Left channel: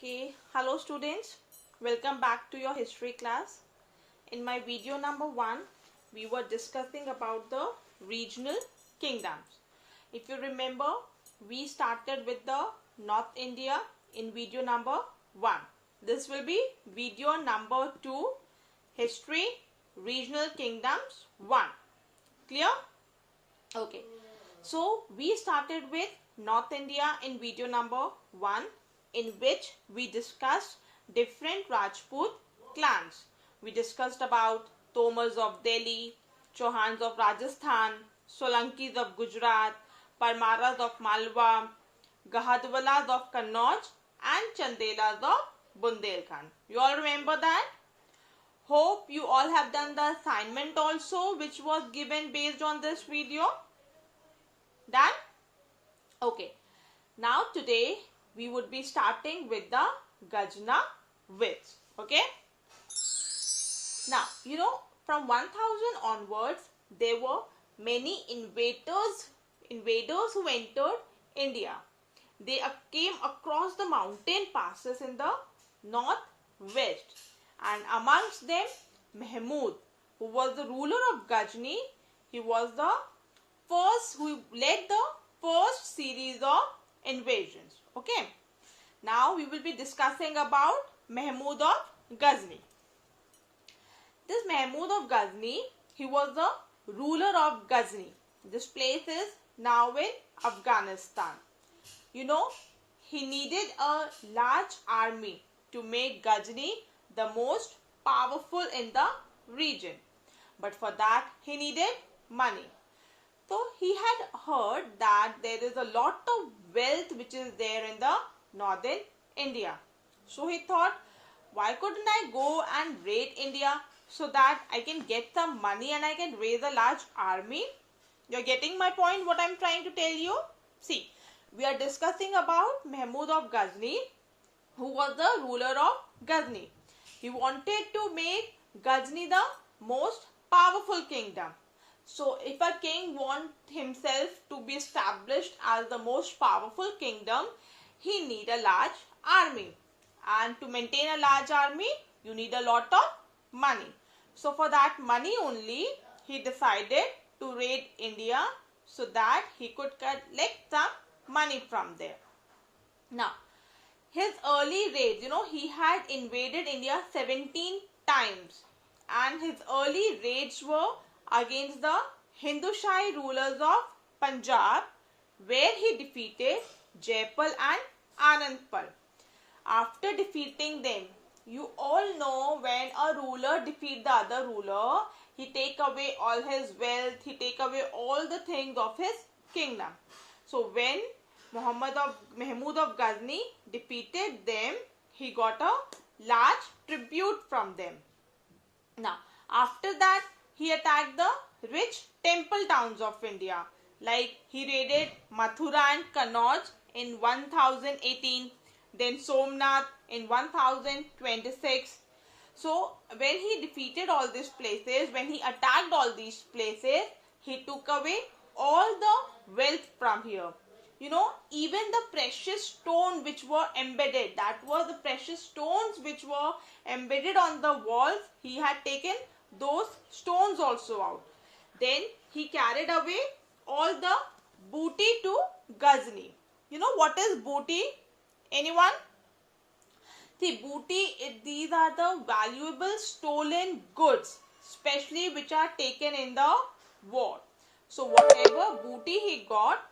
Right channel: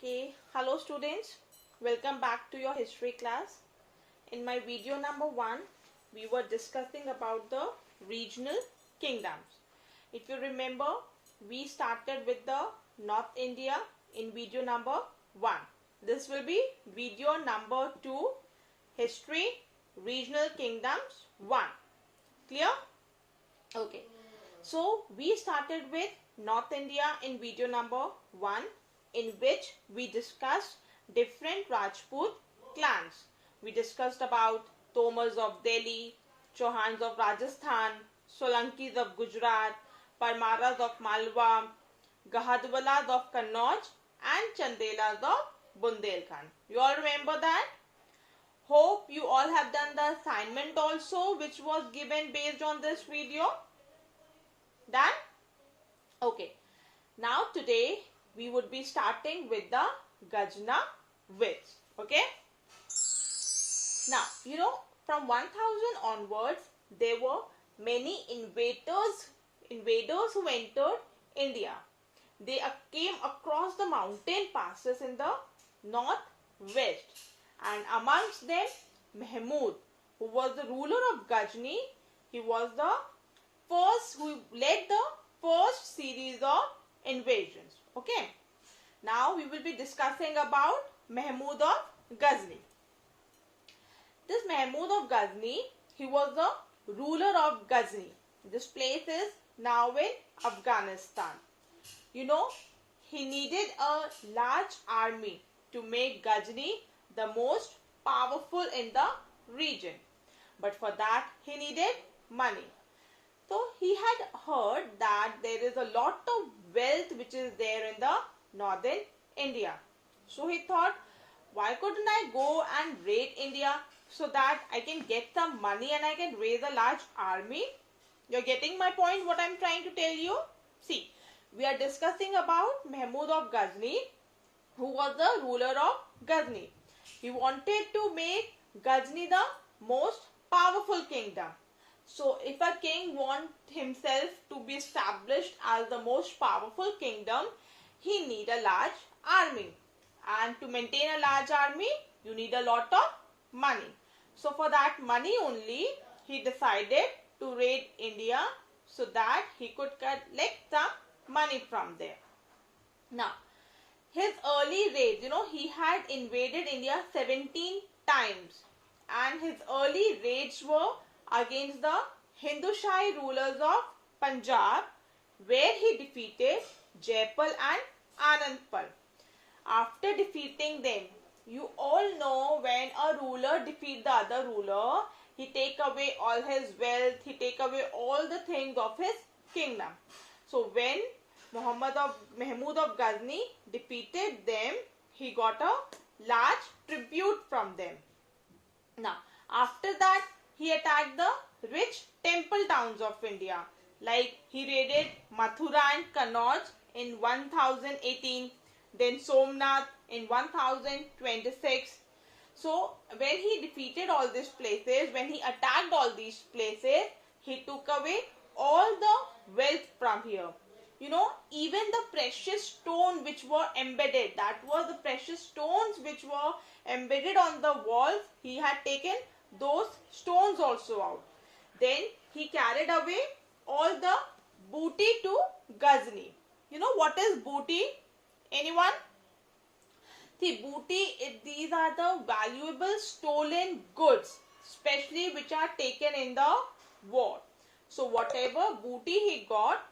Okay, hello students, welcome back to your history class. In my video number 1, we were discussing about the regional kingdoms. If you remember, we started with the North India in video number 1. This will be video number 2, history, regional kingdoms 1. Clear? Okay, so we started with North India in video number 1, in which we discussed different Rajput clans. We discussed about Tomars of Delhi, Chauhans of Rajasthan, Solankis of Gujarat, Parmaras of Malwa, Gahadwalas of Kannauj and Chandelas of Bundelkhand. You all remember that? Hope you all have done the assignment also, which was given based on this video. Done? Okay. Now today we would be starting with the Ghazni wits. Okay. Now, from 1000 onwards, there were many invaders who entered India. They came across the mountain passes in the northwest, and amongst them Mahmud, who was the ruler of Ghazni. He was the first who led the first series of invasions. Okay. Now we will be discussing about Mahmud of Ghazni. This Mahmud of Ghazni, he was the ruler of Ghazni. This place is now in Afghanistan. He needed a large army to make Ghazni the most powerful in the region. But for that, he needed money. So he had heard that there is a lot of wealth which is there in the northern India. So he thought, why couldn't I go and raid India so that I can get some money and I can raise a large army? You're getting my point, what I'm trying to tell you? See, we are discussing about Mahmud of Ghazni, who was the ruler of Ghazni. He wanted to make Ghazni the most powerful kingdom. So if a king wants himself to be established as the most powerful kingdom, he need a large army. And to maintain a large army, you need a lot of money. So for that money only, he decided to raid India so that he could collect some money from there. Now, his early raids, he had invaded India 17 times. And his early raids were against the Hindu Shahi rulers of Punjab, where he defeated Jaipal and Anandpur. After defeating them, you all know when a ruler defeats the other ruler, he take away all his wealth, he take away all the things of his kingdom. So when Mahmud of Ghazni defeated them, he got a large tribute from them. Now, after that, he attacked the rich temple towns of India. Like he raided Mathura and Kannauj in 1018, then Somnath in 1026. So when he defeated all these places, when he attacked all these places, he took away all the wealth from here. Even the precious stone which were embedded, that was the precious stones which were embedded on the walls, he had taken those stones also out. Then he carried away all the booty to Ghazni. What is booty? Anyone? See, booty, these are the valuable stolen goods, especially which are taken in the war. So whatever booty he got,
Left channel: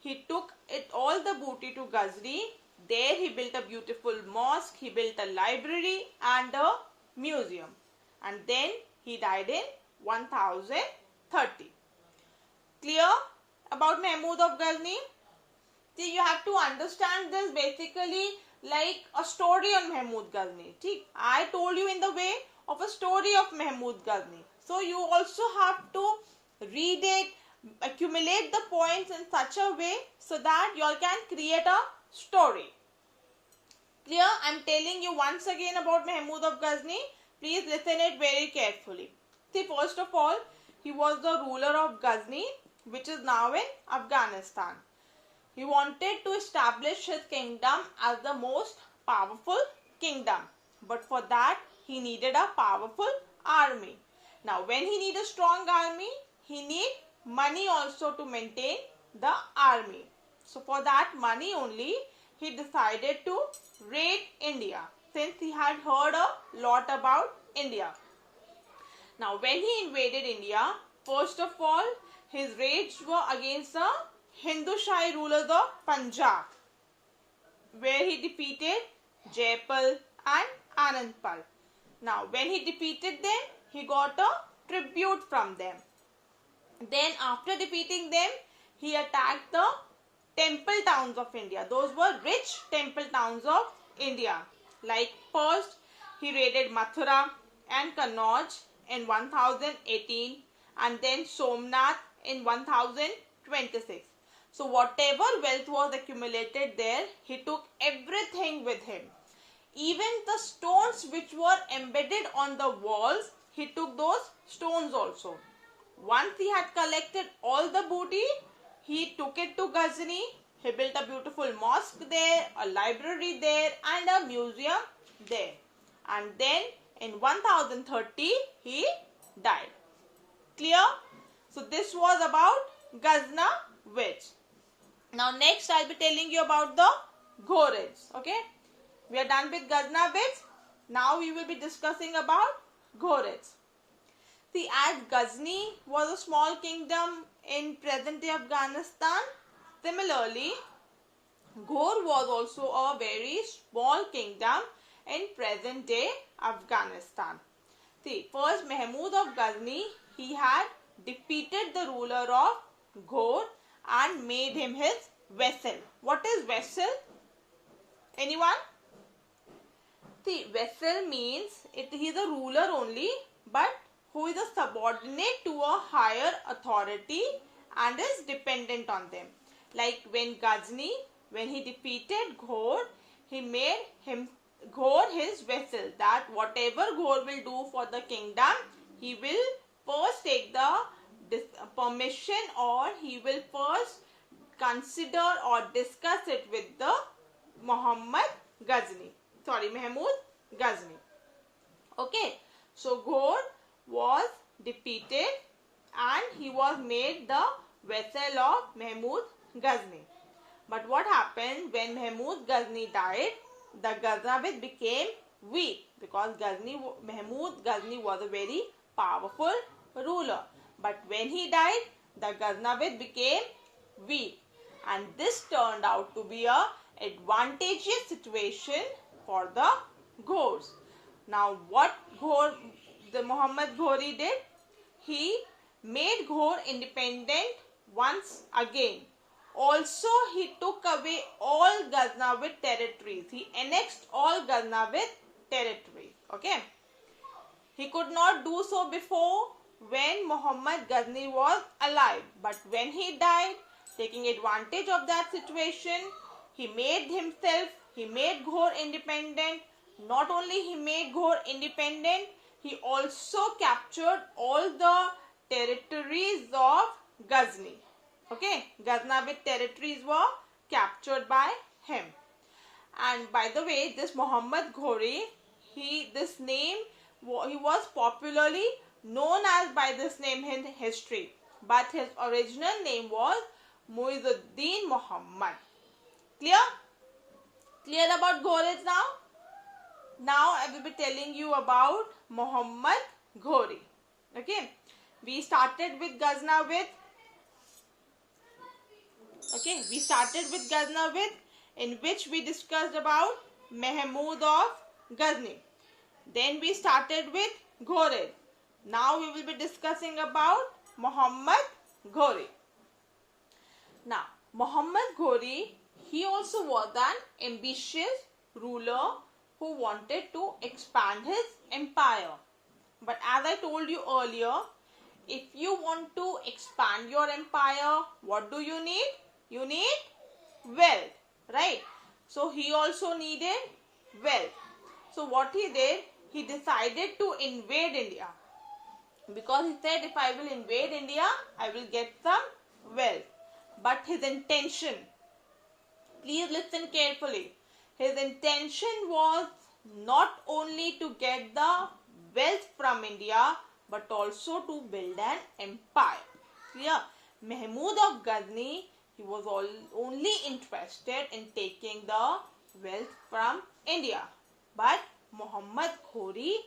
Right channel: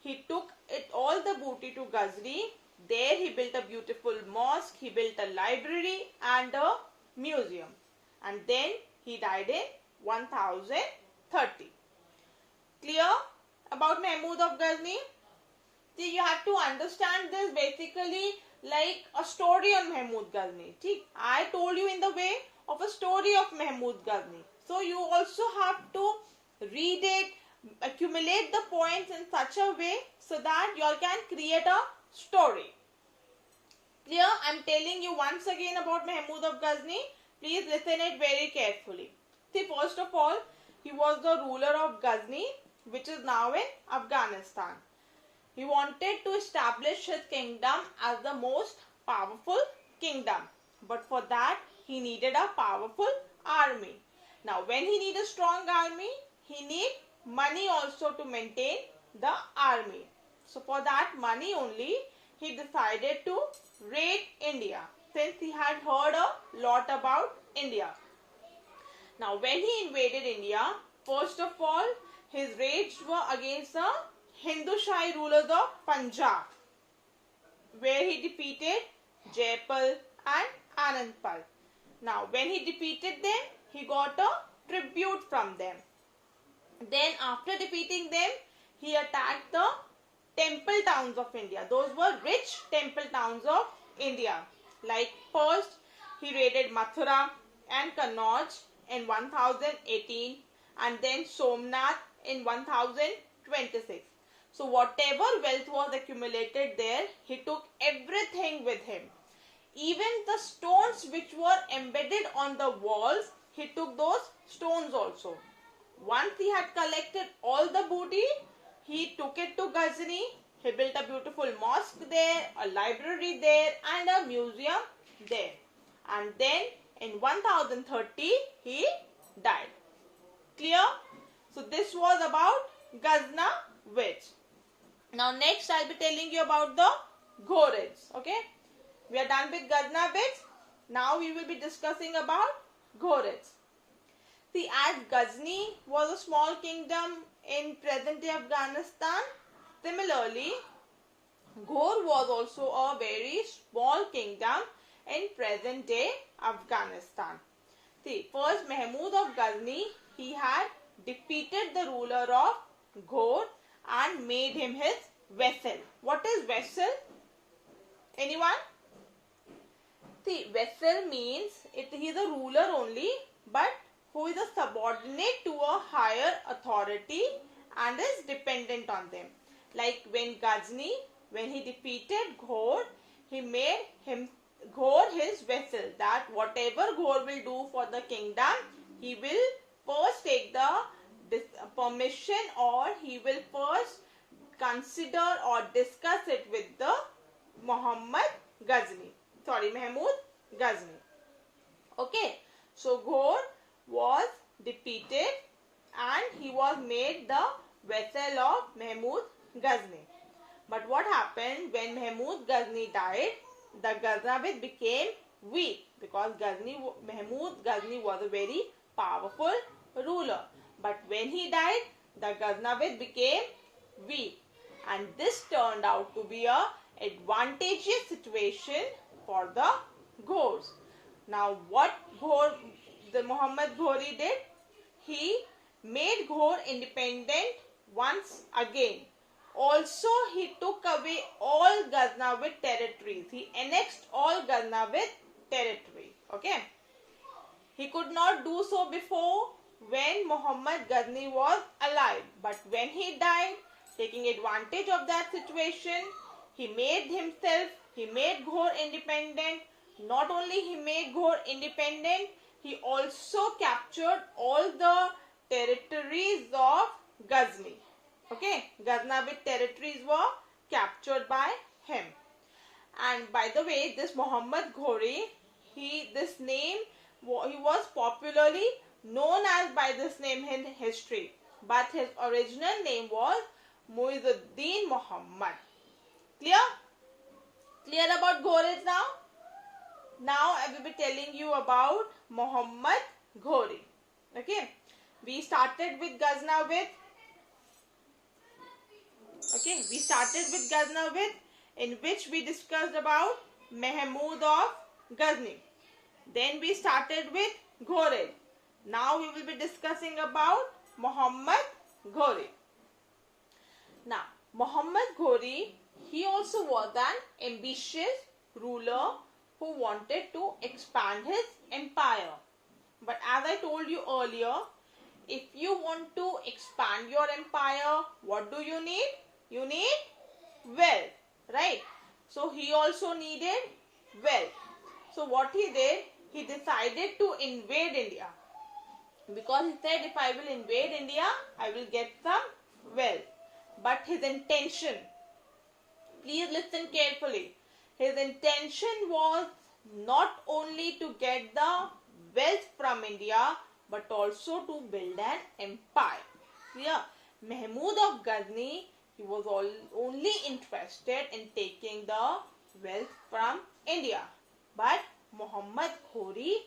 he took all the booty to Ghazni. There he built a beautiful mosque, he built a library and a museum. And then he died in 1030. Clear about Mahmud of Ghazni? See, you have to understand this basically like a story on Mahmud Ghazni. I told you in the way of a story of Mahmud Ghazni. So you also have to read it, accumulate the points in such a way so that you all can create a story. Clear? I am telling you once again about Mahmud of Ghazni. Please listen it very carefully. See, first of all, he was the ruler of Ghazni, which is now in Afghanistan. He wanted to establish his kingdom as the most powerful kingdom. But for that, he needed a powerful army. Now, when he needed a strong army, he need money also to maintain the army. So, for that money only, he decided to raid India, since he had heard a lot about India. Now, when he invaded India, first of all, his raids were against the Hindu Shahi rulers of Punjab, where he defeated Jaipal and Anandpal. Now, when he defeated them, he got a tribute from them. Then, after defeating them, he attacked the temple towns of India. Those were rich temple towns of India. Like first, he raided Mathura and Kannauj in 1018, and then Somnath in 1026. So whatever wealth was accumulated there, he took everything with him. Even the stones which were embedded on the walls, he took those stones also. Once he had collected all the booty, he took it to Ghazni. He built a beautiful mosque there, a library there, and a museum there. And then in 1030, he died. Clear? So this was about Ghazna witch. Now next I'll be telling you about the Ghorids. Okay? We are done with Ghazna witch. Now we will be discussing about Ghorids. See, as Ghazni was a small kingdom in present-day Afghanistan, similarly, Ghor was also a very small kingdom in present-day Afghanistan. See, first Mahmud of Ghazni, he had defeated the ruler of Ghor and made him his vassal. What is vassal? Anyone? See, vassal means he is a ruler only, but who is a subordinate to a higher authority and is dependent on them. Like when Ghazni, when he defeated Ghor, he made him Ghor his vassal, that whatever Ghor will do for the kingdom, he will first take the permission, or he will first consider or discuss it with the Mahmud Ghazni. Okay, so Ghor was defeated and he was made the vassal of Mahmud Ghazni. But what happened when Mahmud Ghazni died? The Ghaznavid became weak, because Mahmud Ghazni was a very powerful ruler. But when he died, the Ghaznavid became weak, and this turned out to be a advantageous situation for the Ghors. Now what the Muhammad Ghori did? He made Ghor independent once again. Also, he took away all Ghaznavid territories. He annexed all Ghaznavid territories. Okay. He could not do so before when Muhammad Ghazni was alive. But when he died, taking advantage of that situation, he made Ghor independent. Not only he made Ghor independent, he also captured all the territories of Ghazni. Okay, Ghaznavid territories were captured by him. And by the way, this Muhammad Ghori, he was popularly known as by this name in history, but his original name was Muizzuddin Muhammad. Clear? Clear about Ghorids now? Now I will be telling you about Muhammad Ghori. Okay, we started with Ghaznavid. Okay, we started with Ghaznavid, in which we discussed about Mahmud of Ghazni. Then we started with Ghorid. Now we will be discussing about Muhammad Ghori. Now, Muhammad Ghori, he also was an ambitious ruler who wanted to expand his empire. But as I told you earlier, if you want to expand your empire, what do you need? You need wealth, right? So he also needed wealth. So what he did, he decided to invade India. Because he said, if I will invade India, I will get some wealth. But his intention, please listen carefully. His intention was not only to get the wealth from India but also to build an empire. Clear? Mahmud of Ghazni, he was only interested in taking the wealth from India. But Muhammad Ghori,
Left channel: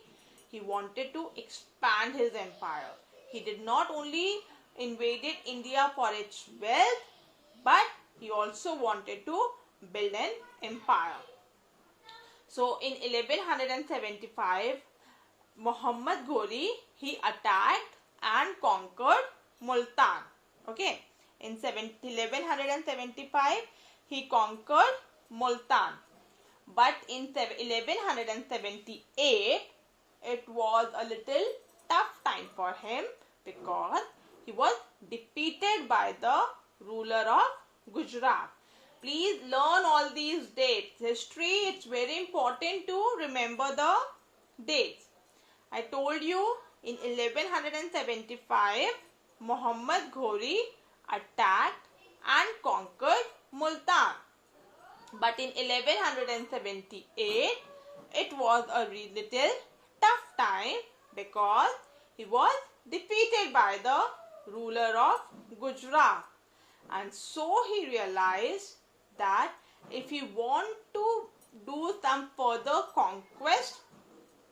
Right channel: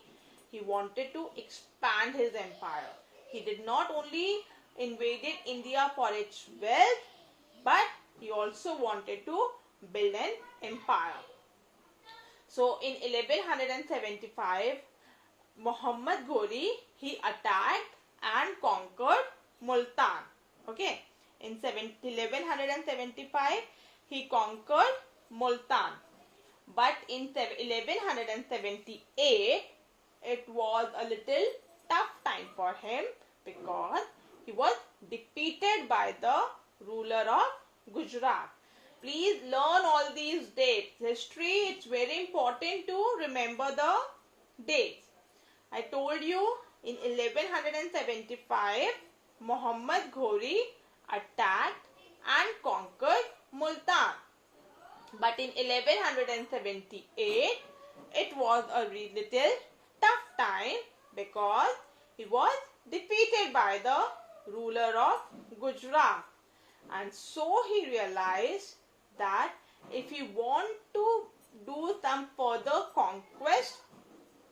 he wanted to expand his empire. He did not only invaded India for its wealth, but he also wanted to build an empire. So in 1175, Muhammad Ghori, he attacked and conquered Multan. Okay, in 1175, he conquered Multan. But in 1178, it was a little tough time for him because he was defeated by the ruler of Gujarat. Please learn all these dates. History, it's very important to remember the dates. I told you in 1175, Muhammad Ghori attacked and conquered Multan. But in 1178, it was a little tough time because he was defeated by the ruler of Gujarat. And so he realized that if he want to do some further conquest,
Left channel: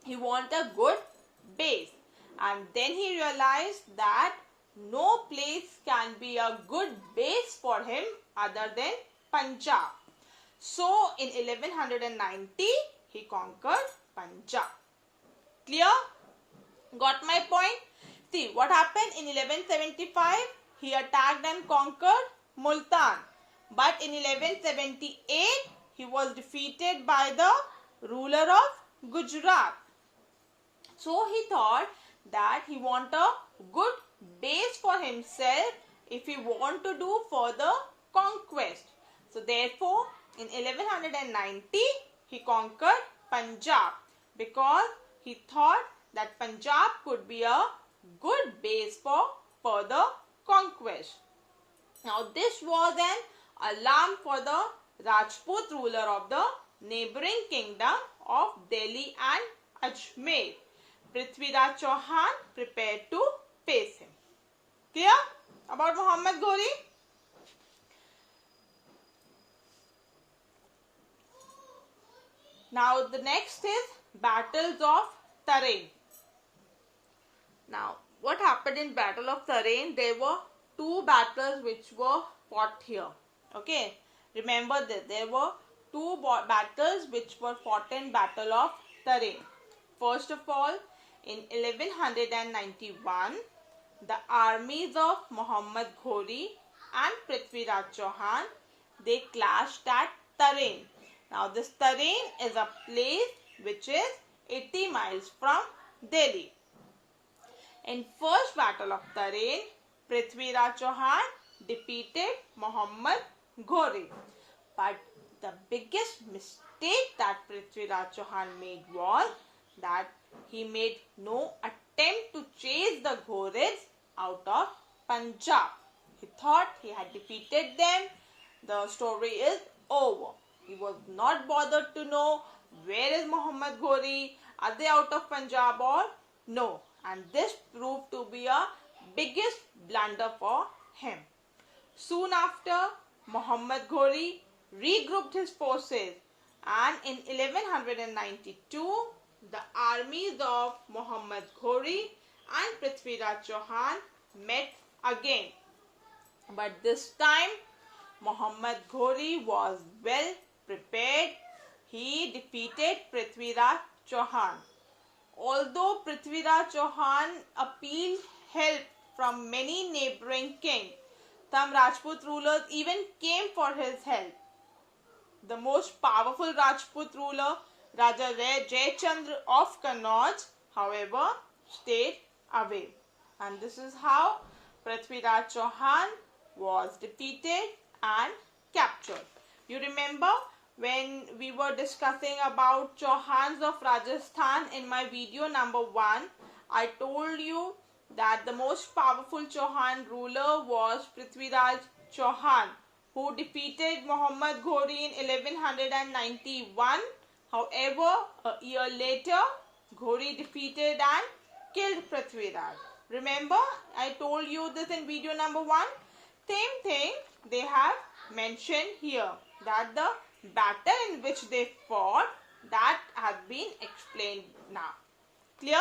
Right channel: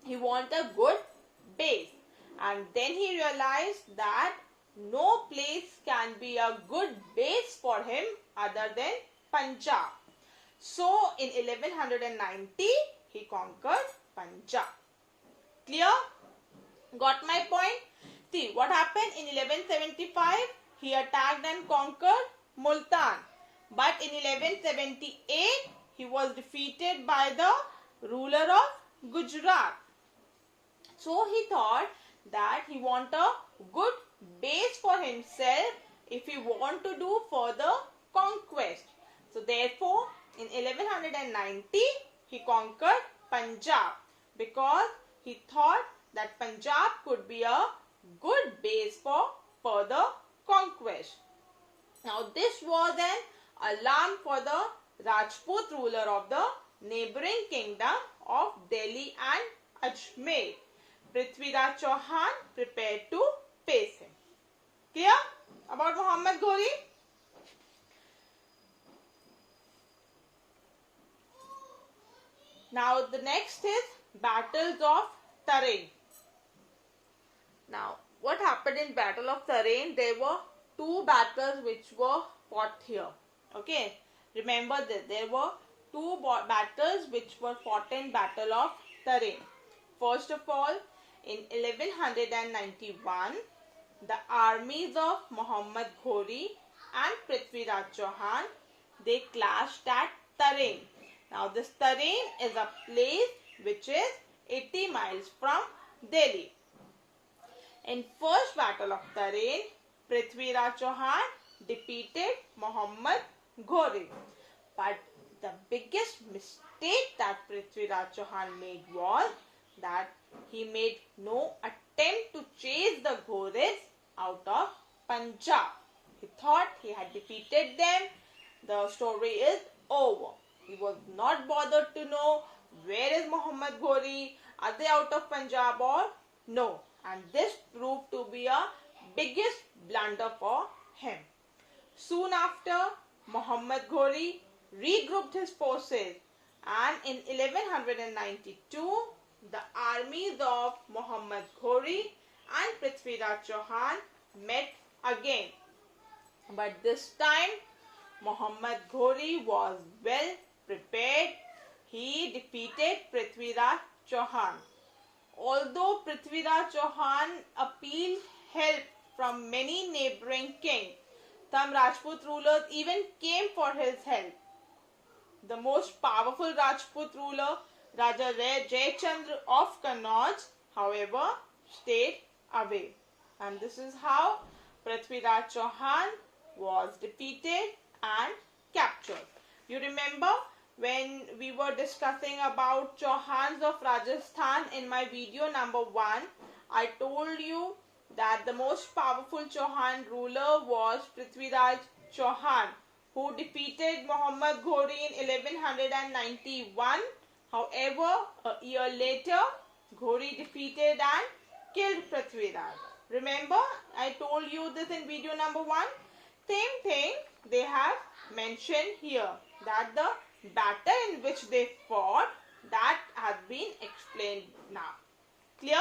he want a good base. And then he realized that no place can be a good base for him other than Punjab. So in 1190, he conquered Punjab. Clear? Got my point? See, what happened in 1175? He attacked and conquered Multan. But in 1178, he was defeated by the ruler of Gujarat. So he thought that he want a good base for himself if he want to do further conquest. So therefore, in 1190, he conquered Punjab because he thought that Punjab could be a good base for further conquest. Now this was an alarm for the Rajput ruler of the neighboring kingdom of Delhi and Ajmer. Prithviraj Chauhan prepared to face him. Clear about Muhammad Ghori? Now the next is battles of Tarain. Now what happened in Battle of Tarain? There were two battles which were fought here. Okay, remember that there were two battles which were fought in Battle of Tarain. First of all, in 1191, the armies of Muhammad Ghori and Prithviraj Chauhan, they clashed at Tarain. Now this Tarain is a place which is 80 miles from Delhi. In first battle of Tarain, Prithviraj Chauhan defeated Muhammad Ghori. But the biggest mistake that Prithviraj Chauhan made was that he made no attempt to chase the Ghoris out of Punjab. He thought he had defeated them. The story is over. He was not bothered to know where is Muhammad Ghori, are they out of Punjab or no. And this proved to be a biggest blunder for him. Soon after, Muhammad Ghori regrouped his forces, and in 1192, the armies of Muhammad Ghori and Prithviraj Chauhan met again. But this time, Muhammad Ghori was well prepared. He defeated Prithviraj Chauhan. Although Prithviraj Chauhan appealed help from many neighboring kings, some Rajput rulers even came for his help. The most powerful Rajput ruler, Raja Ch.2 of Kannauj, however, stayed away. And this is how Prithviraj Chauhan was defeated and captured. You remember when we were discussing about Chauhans of Rajasthan in my video number 1, I told you that the most powerful Chauhan ruler was Prithviraj Chauhan. who defeated Muhammad Ghori in 1191. However, a year later, Ghori defeated and killed Prithviraj. Remember, I told you this in video number 1. Same thing they have mentioned here, that the battle in which they fought, that has been explained now. Clear?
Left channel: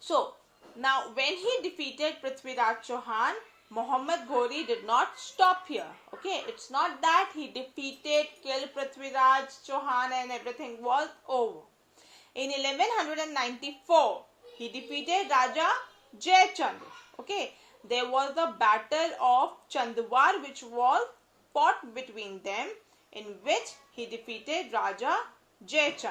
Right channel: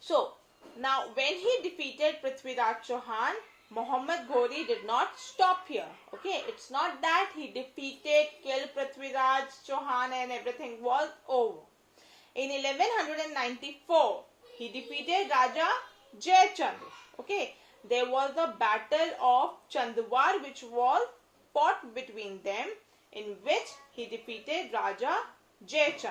So, now when he defeated Prithviraj Chauhan, Muhammad Ghori did not stop here. Okay, it's not that he defeated, killed Prithviraj Chauhan and everything was over. In 1194, he defeated Raja Ch.2. Okay, there was a battle of Chandwar which was fought between them, in which he defeated Raja Ch.2.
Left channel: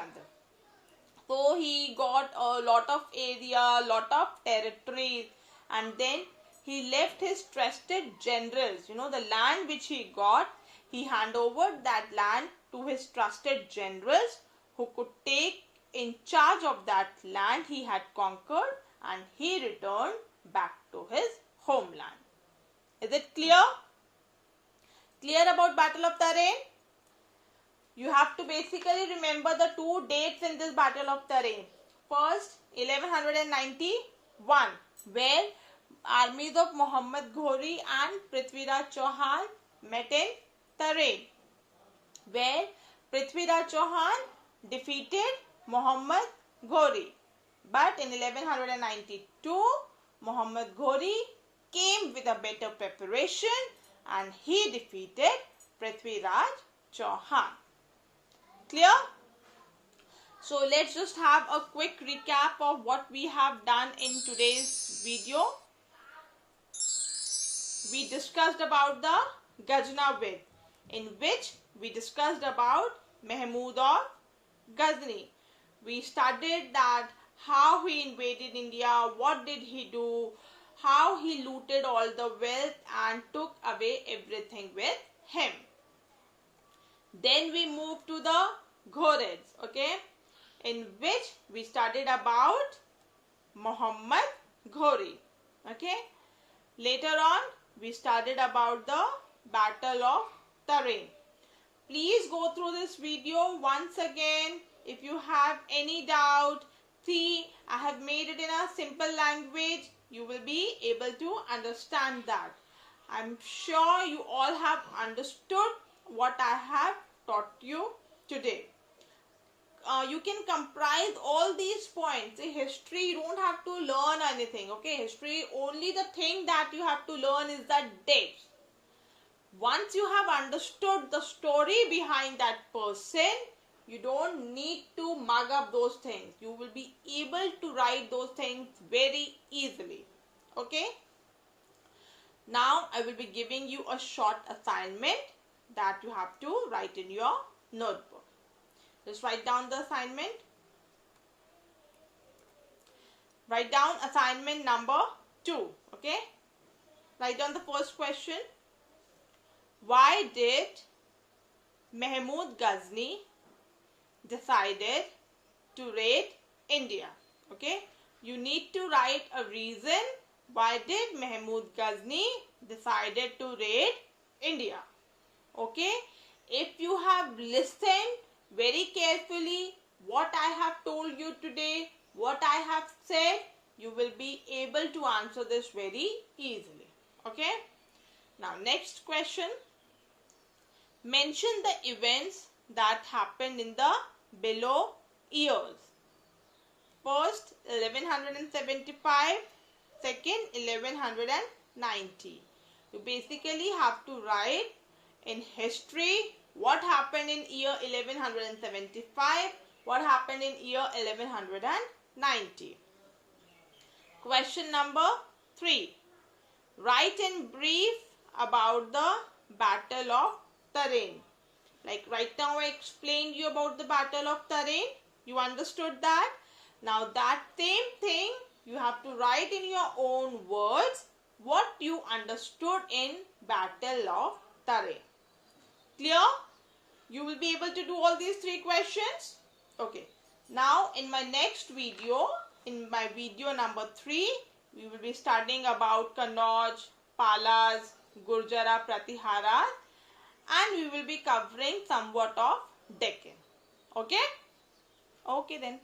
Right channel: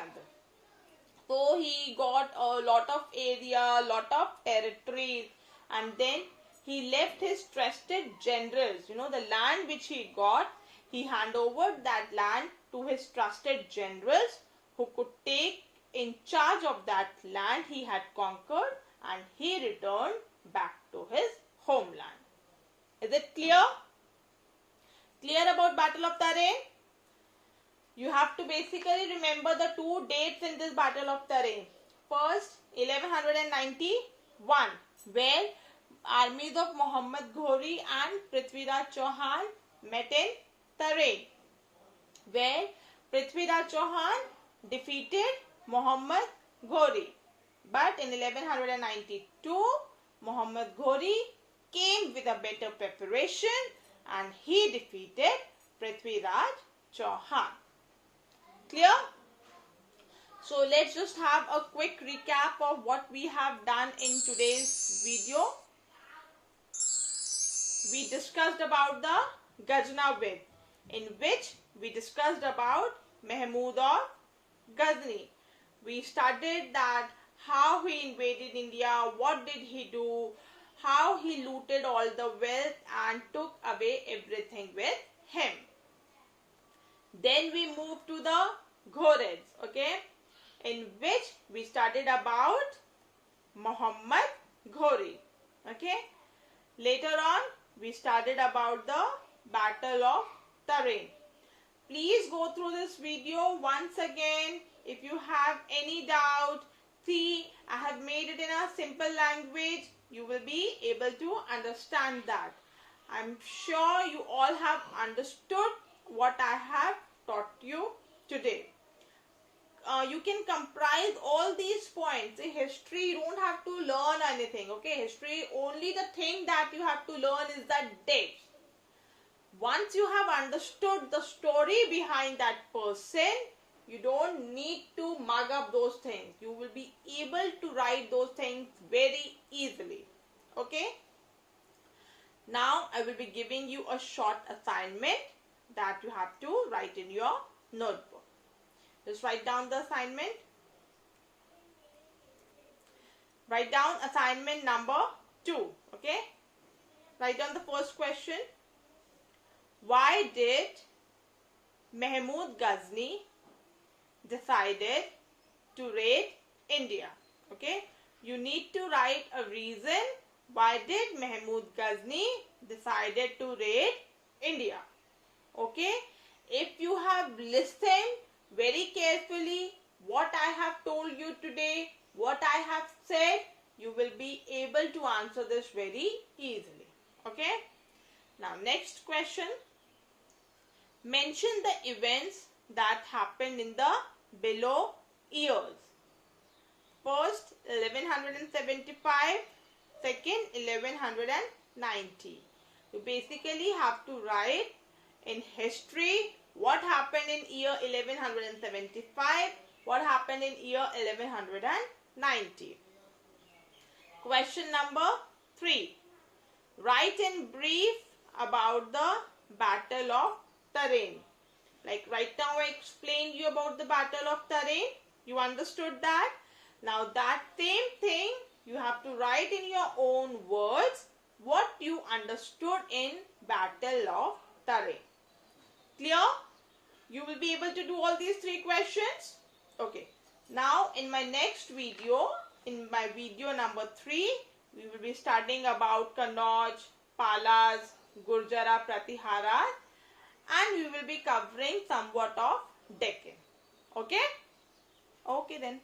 So he got a lot of area, lot of territories, and then he left his trusted generals. You know, the land which he got, he handed over that land to his trusted generals who could take in charge of that land he had conquered, and he returned back to his homeland. Is it clear? Clear about Battle of Tarain? You have to basically remember the two dates in this Battle of Tarain. First, 1191, where armies of Muhammad Ghori and Prithviraj Chauhan met in Tarain, where Prithviraj Chauhan defeated Muhammad Ghori. But in 1192, Muhammad Ghori came with a better preparation and he defeated Prithviraj Chauhan. Clear? So let's just have a quick recap of what we have done in today's video. We discussed about the Ghazni, in which we discussed about Mahmud of Ghazni. We studied that how he invaded India, what did he do, how he looted all the wealth and took away everything with him. Then we moved to the Ghorids, okay, in which we studied about Muhammad Ghori, okay. Later on, we studied about the Battle of Tarain. Please go through this video once again. If you have any doubt, see, I have made it in a simple language. You will be able to understand that. I'm sure you all have understood what I have taught you today. You can comprise all these points. In history, you don't have to learn anything. Okay, history, only the thing that you have to learn is the dates. Once you have understood the story behind that person, you don't need to mug up those things. You will be able to write those things very easily. Okay. Now, I will be giving you a short assignment that you have to write in your notebook. Just write down the assignment. Write down assignment number 2. Okay. Write down the first question. Why did Mahmud Ghazni decided to raid India? Okay. You need to write a reason. Why did Mahmud Ghazni decided to raid India? Okay. If you have listened very carefully what I have told you today, what I have said, you will be able to answer this very easily. Okay. Now next question. Mention the events that happened in the below years. First, 1175. Second, 1190. You basically have to write in history what happened in year 1175, what happened in year 1190. Question number 3. Write in brief about the Battle of Tarain. Like right now I explained you about the Battle of Tarain. You understood that? Now that same thing you have to write in your own words what you understood in Battle of Tarain. Clear? You will be able to do all these 3 questions? Okay. Now in my next video, in my video number 3, we will be studying about Kannauj, Palas, Gurjara Pratihara, and we will be covering somewhat of Deccan. Okay? Okay then.